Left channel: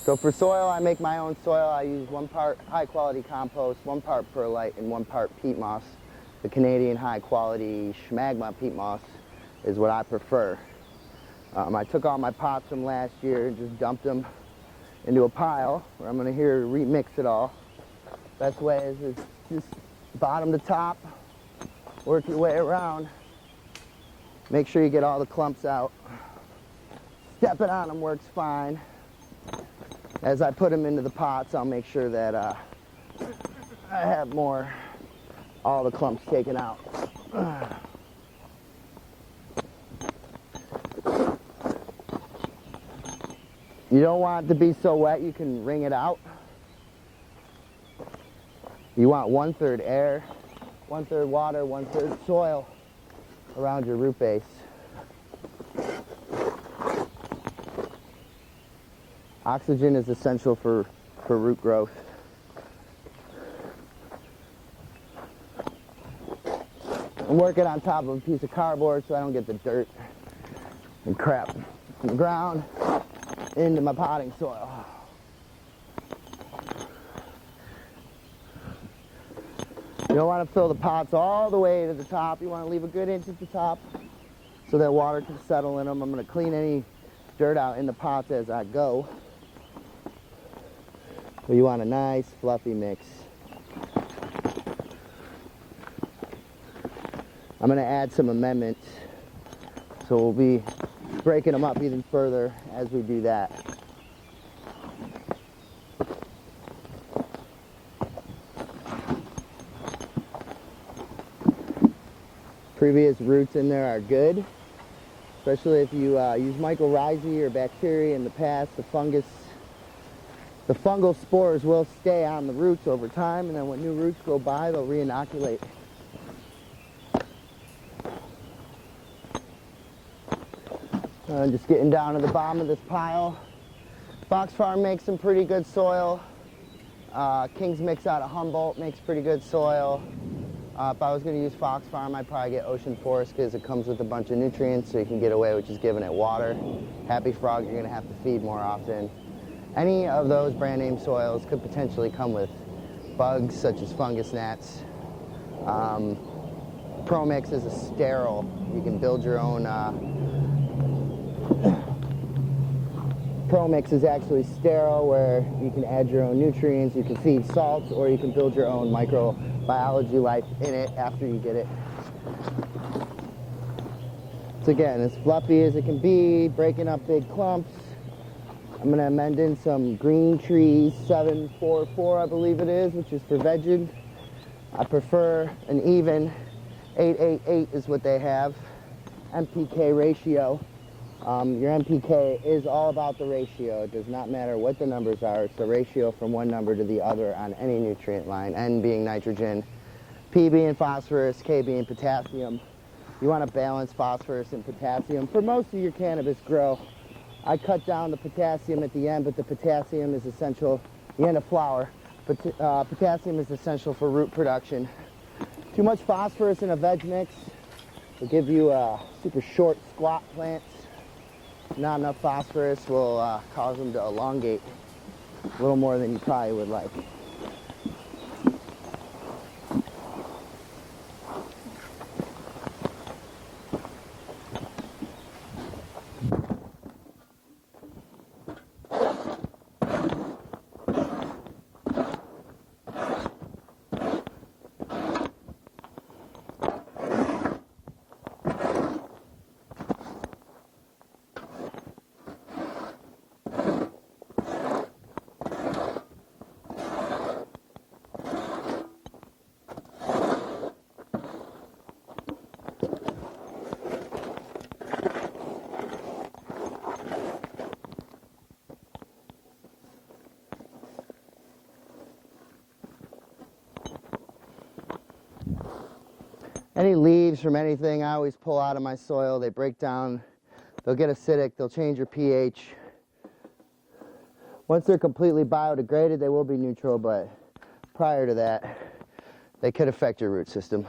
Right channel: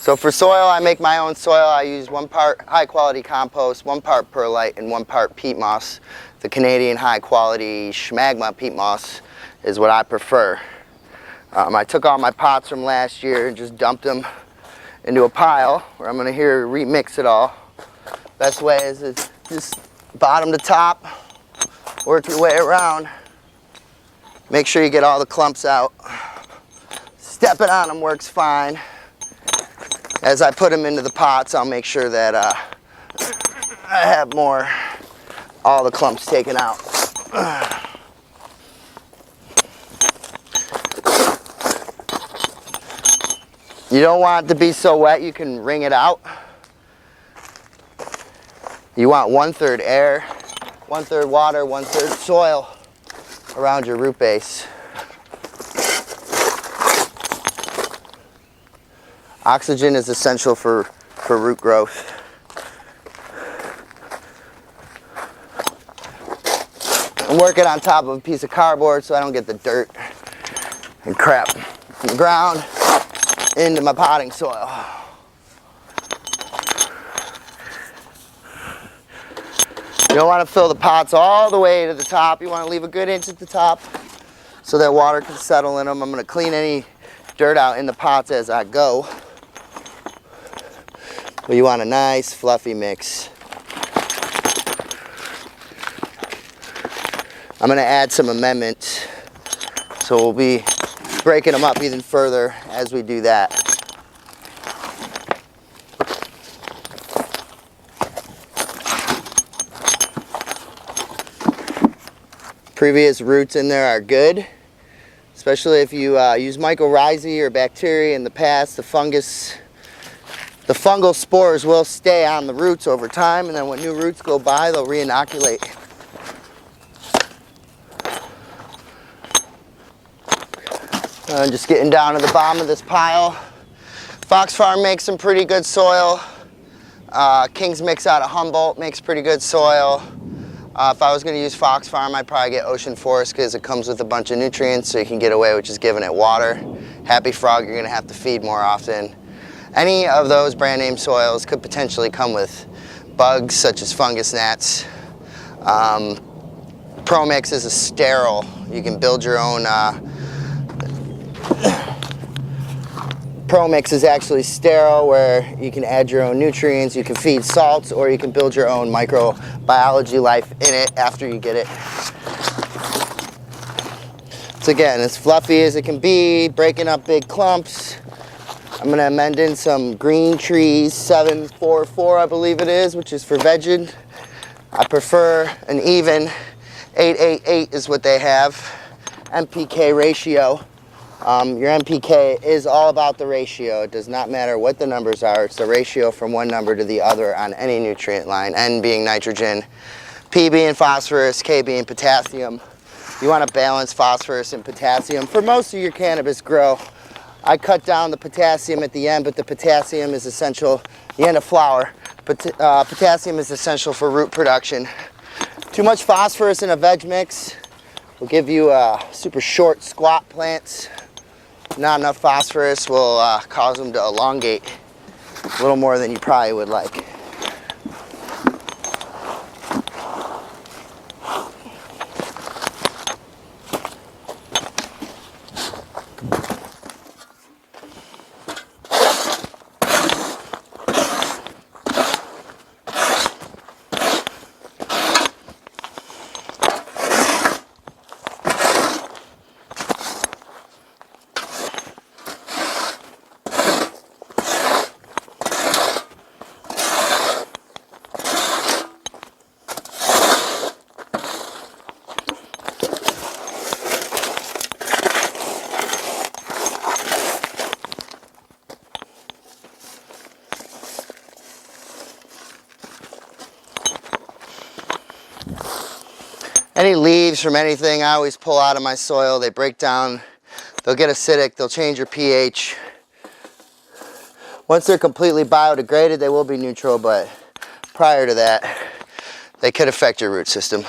So for soil, I make my own soil. I use 1 part high quality compost, 1 part perlite, and 1 part peat moss. The Canadian high quality schmagma peat moss is what I prefer. I took all my pots from last year and just dumped them into a pile where I'm gonna here remix it all. Best way is to just bottom to top, work your way around. Make sure you get all the clumps out. Stepping on them works fine. As I put them into the pots, I'll make sure that I have all the clumps taken out. You don't want it to be so wet you can wring it out. You want 1/3 air, 1/3 water, 1/3 soil around your root base. Oxygen is essential for root growth. I'm working on top of a piece of cardboard so I don't get the dirt and crap from the ground into my potting soil. You don't want to fill the pots all the way to the top. You want to leave a good inch at the top so that water can settle in them. I'm going to clean any dirt out in the pots as I go. But you want a nice fluffy mix. I'm going to add some amendments, so we'll be breaking them up even further as we do that. Previous roots in there are good, especially if you use mycorrhizae or bacteria in the past. The fungal spores will stay on the roots over time, and then when new roots go by, they'll re-inoculate. I'm just getting down to the bottom of this pile. Fox Farm makes some pretty good soil. King's Mix out of Humboldt makes pretty good soil. If I was going to use Fox Farm, I'd probably get Ocean Forest because it comes with a bunch of nutrients, so you can get away with just giving it water. Happy Frog, you're going to have to feed more often. Any of those brand name soils could potentially come with bugs such as fungus gnats. Pro Mix is a sterile. You can build your own. Pro Mix is actually sterile, where you can add your own nutrients, you can feed salts, or you can build your own microbiology life in it after you get it. So again, as fluffy as it can be, breaking up big clumps. I'm going to amend in some green trees, 744 I believe it is, which is for vegging. I prefer an even 888 is what they have, NPK ratio. Your NPK is all about the ratio. It does not matter what the numbers are. It's the ratio from one number to the other on any nutrient line. N being nitrogen, P being phosphorus, K being potassium. You want to balance phosphorus and potassium. For most of your cannabis grow, I cut down the potassium at the end, but the potassium is essential, the end of flower. Potassium is essential for root production. Too much phosphorus in a veg mix will give you super short, squat plants. Not enough phosphorus will cause them to elongate a little more than you probably would like. Any leaves from anything I always pull out of my soil. They break down, they'll get acidic, they'll change your pH. Once they're completely biodegraded, they will be neutral, but prior to that, they could affect your root system.